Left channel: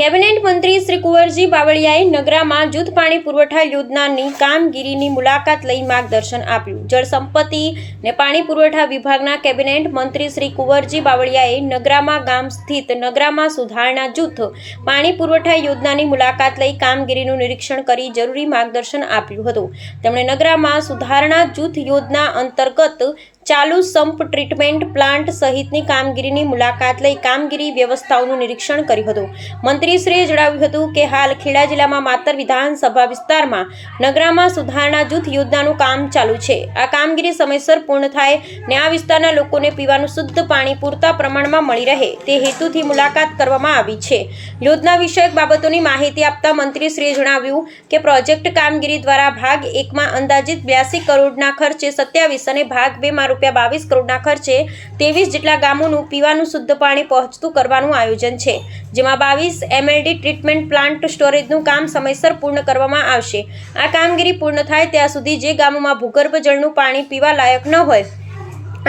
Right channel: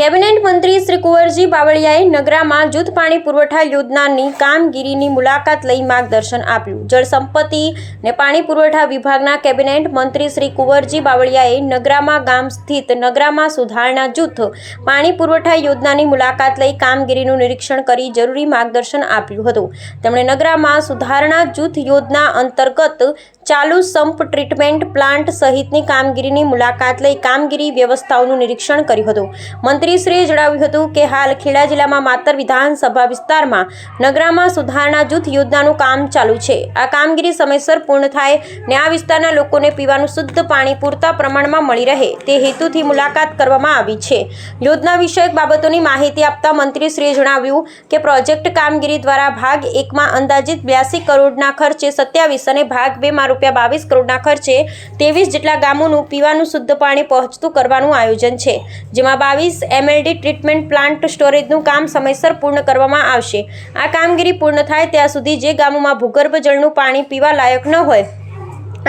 Cabinet મંત્રી શ્રી કુંવરજી બાવળિયાએ નગરામાં જૂથ પાણી પુરવઠા યોજનાની કામગીરીની મુલાકાત લઈ માર્ગદર્શન આપ્યું. જળ સંપત્તિ ને પાણી પુરવઠા વિભાગના કેબિનેટ મંત્રી શ્રી કુંવરજી બાવળિયાએ નગરામાં ગામ સ્થિત નગરામાં સુધારણા જૂથ પાણી પુરવઠા યોજનાની મુલાકાત લઈ કામગીરીનું નિરીક્ષણ કરી જરૂરી માર્ગદર્શન આપ્યું હતું. તેમણે નગરામાં સુધારણા જૂથ યોજના અંતર્ગત ચાલુ સંપ ટ્રીટમેન્ટ પ્લાન્ટ સહિતની કામગીરીની મુલાકાત લઈ કામગીરી વ્યવસ્થાઓનું નિરીક્ષણ કર્યું હતું. મંત્રીશ્રીએ જણાવ્યું હતું કે હાલ ખેડા જિલ્લામાં માતર વિધાનસભા વિસ્તારમાં નગરામાં સુધારણા જૂથ યોજનાનું કામ ચાલુ છે. આ કામગીરી સમયસર પૂર્ણ થાય ને આ વિસ્તારના લોકોને પીવાનું શુદ્ધ પાણી પૂરતા પ્રમાણમાં મળી રહે તે હેતુથી મુલાકાત કરવામાં આવી છે. યોજના વિષયક બાબતોની માહિતી આપતા મંત્રીશ્રીએ જણાવ્યું કે પ્રોજેક્ટ કામગીરી દ્વારા ભાગ 1માં અંદાજિત 82 કરોડના ખર્ચે 27 અને ભાગ 2માં ₹22 કરોડના ખર્ચે 23 જેટલા ગામોનું પીવાનું શુદ્ધ પાણી પહોંચતું કરવાનું આયોજન છે, જેમાં 22 MLD ટ્રીટમેન્ટ પ્લાન્ટ સ્ટોરેજનું કામ સમયસર પૂર્ણ કરવામાં આવશે. આ કામગીરી પૂર્ણ થાય ત્યાં સુધી જે ગામોમાં ભૂગર્ભ જળનું પાણી પીવા લાયક ન હોય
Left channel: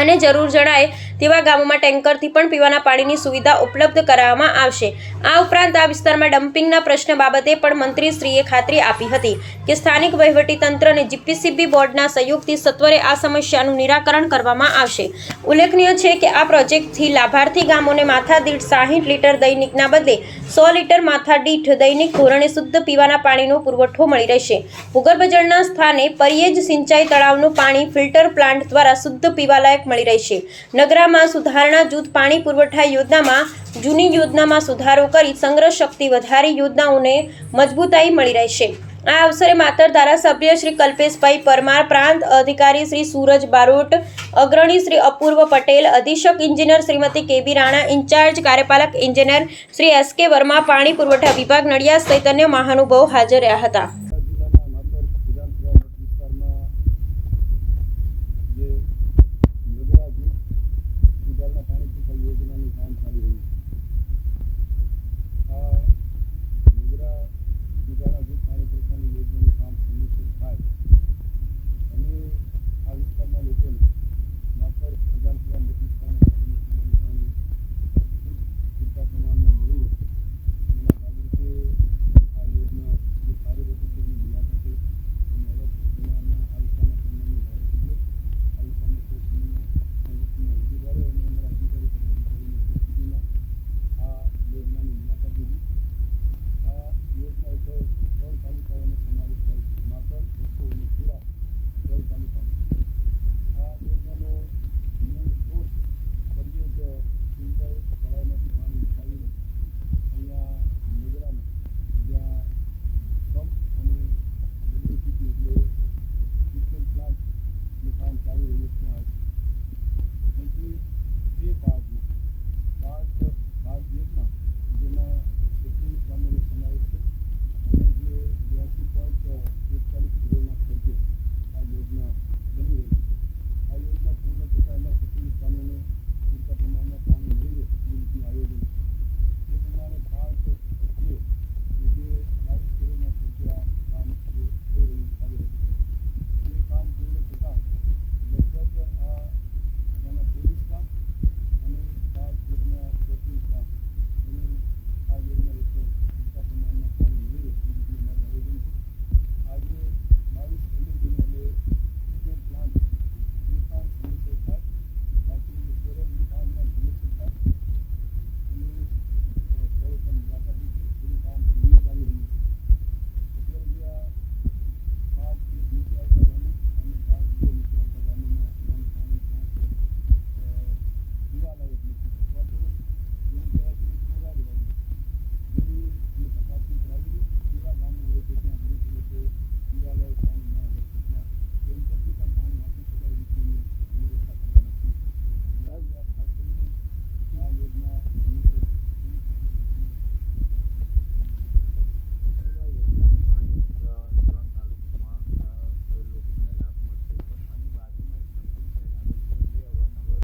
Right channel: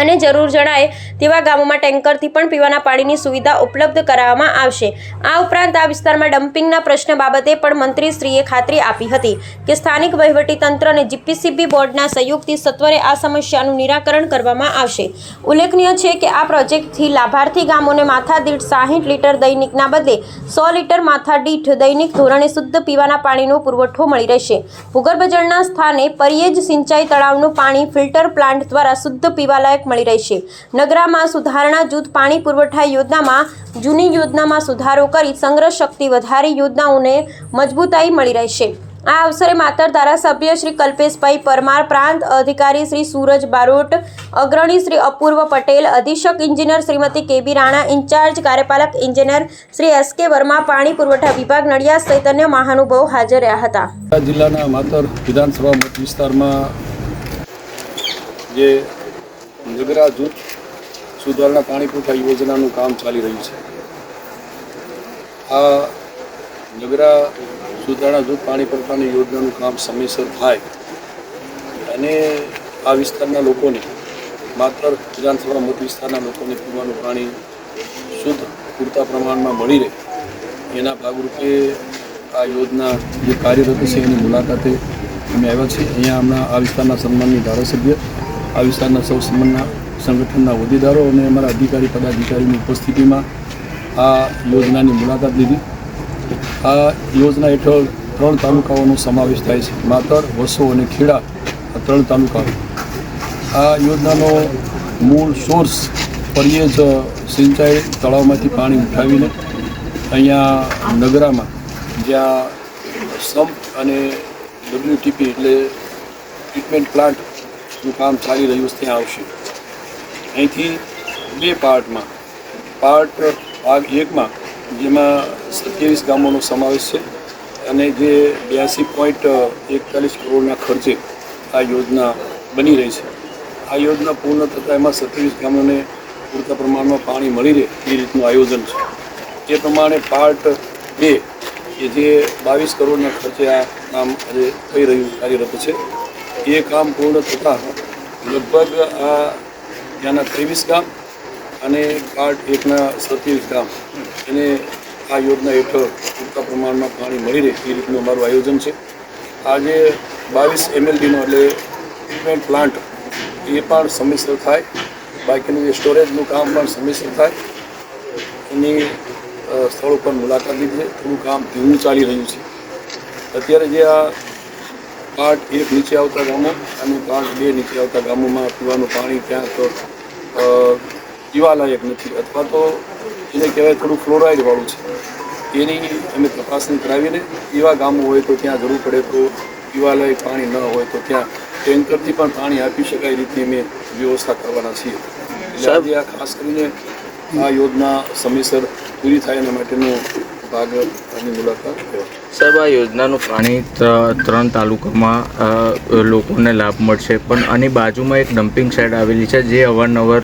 અને જરૂર જણાય તેવા ગામોમાં ટેન્કરથી પણ પીવાના પાણીની સુવિધા ઉપલબ્ધ કરાવવામાં આવશે. આ ઉપરાંત આ વિસ્તારમાં ડમ્પિંગના પ્રશ્ન બાબતે પણ મંત્રીશ્રીએ ખાતરી આપી હતી કે સ્થાનિક વહીવટીતંત્ર અને GPCB બોર્ડના સહયોગથી સત્વરે આ સમસ્યાનું નિરાકરણ કરવામાં આવશે. ઉલ્લેખનીય છે કે આ પ્રોજેક્ટથી લાભાર્થી ગામોને માથાદીઠ 60 લીટર દૈનિકના બદલે 100 લીટર માથાદીઠ દૈનિક ધોરણે શુદ્ધ પીવાના પાણીનો પુરવઠો મળી રહેશે. ભૂગર્ભ જળના સ્થાને પરિયેજ સિંચાઈ તળાવનું પાણી ફિલ્ટર પ્લાન્ટ દ્વારા શુદ્ધ પીવાલાયક મળી રહેશે. નગરામાં સુધારણા જૂથ પાણી પુરવઠા યોજનામાં જૂની યોજનામાં સુધારો કરી સંગ્રહ શક્તિ વધારી યોજનાઓને મજબૂતાઈ મળી રહેશે. આ અવસરે માતર ધારાસભ્ય શ્રી કલ્પેશભાઈ પરમાર, પ્રાંત અધિકારી શ્રી સૂરજ બારોટ, અગ્રણી શ્રી અપૂર્વ પટેલ, અધિક્ષક ઇજનેર શ્રીમતી KB રાણા, ઇન્ચાર્જ કાર્યપાલક ઇજનેર શ્રી SK વર્મા, પાણી પુરવઠા વિભાગ નડિયાદ સહિત અન્ય મહાનુભાવો હાજર રહ્યા હતા. જિલ્લાના માતર વિધાનસભા મત વિસ્તારમાં જે નગરા જૂથ સુધારણા પાણી પુરવઠા યોજનાનું કામ ચાલી રહ્યું છે. આ નગરા સુધારણા જૂથ પાણી પુરવઠાની યોજનાનું કામ સમયસર થાય અને આ વિસ્તારના લોકોને માત્ર વિધાનસભા મત વિસ્તારના લોકોને પીવાનું પાણી શુદ્ધ પૂરતા પ્રમાણમાં મળી રહે એના ભાગરૂપે આ યોજના જે કાર્યરત છે એની મુલાકાતે અમે આવ્યા છીએ. અહીંયા હમણાં આ વિસ્તારના સન્માનની ધારાસભ્ય, આ વિસ્તારના સૌ સન્માનના સંગઠનના હોદ્દેદારો અને અમારા અધિકારી પદાધિકારીની ઉપસ્થિતિમાં આ યોજનાની મુલાકાત લીધી. આ યોજના હેઠળ 3 તાલુકાઓનો સમાવેશ થાય છે, માતર, વસો અને ખેડા, આ 3 તાલુકાઓ. આ યોજનાનો મૂળ સોર્સ પરિયેજ સિંચાઈ તળાવમાંથી પાણી ઉઠાવીને અહીંયા નગરામાં જ્યાં સંપ અને WTP એટલે ટ્રીટમેન્ટ પ્લાન્ટનું કામ ચાલી રહ્યું છે ત્યાં આવશે. અહીંથી 2 પાર્ટમાં, ભાગ 1માં જેમાં 27 ગામોનો સમાવેશ છે અને જે 82.41 કરોડના ખર્ચે આ યોજના બની રહી છે. આ યોજના પૂર્ણ થતાં એમાં 27 ગામોને પૂરતા પ્રમાણમાં પાણી મળી રહે એ રીતનું આયોજન છે. એ પ્રમાણે પાર્ટ 2 કે જે 22 કરોડના ખર્ચે આ કામ આજે થઈ રહ્યું કાર્યરત છે, એ કામ પૂર્ણ થતાં લગભગ આ ત્યાંના 23 ગામ અને પાર્ટ 1ના 27 ગામ એને આ યોજના હેઠળ પૂરતા પ્રમાણમાં પાણી મળી રહે એ રીતનું અમારું આયોજન છે. આજે 22 MLDનો એટલે ટ્રીટમેન્ટ પ્લાન્ટ એ પણ સમયસર થાય, બાકીનું જે સ્ટોરેજનું કામ પણ સમયસર થાય એની સ્થળ ઉપર મુલાકાત લીધી. થોડું કામ ધીમું ચાલી રહ્યું છે. અત્યારે જે આ પાર્ટ 1 નીચે આવતા ગામો અને પાર્ટ 2 નીચે આવતા ગામોમાં પીવાનું પાણી ક્યાં તો પીવાલાયક નથી અથવા તો એને કહેવાય થોડું ફ્લોરાઇડવાળું છે. એની અમે તપાસણી કરાવીને એવા ગામો હોય તો ત્યાં જરૂર પડે તો પીવાલાયક પાણી ન હોય તો ત્યાં ટેન્કરથી પણ પાણી આપી શકાય રીતની અમે વ્યવસ્થા કરવાના છીએ. એટલે આજે આ ખાસ કરીને આ યોજના સમયસર પૂરી થાય એના માટેનો ભાગ અને મુલાકાત લેવા. સાહેબ, આ યોજનાનું પાણી 3 તાલુકામાં લોકોને લાભ મળશે, પણ આની બાજુમાં એક ડમ્પિંગ સાઇટ આવેલી છે જે અવારનવાર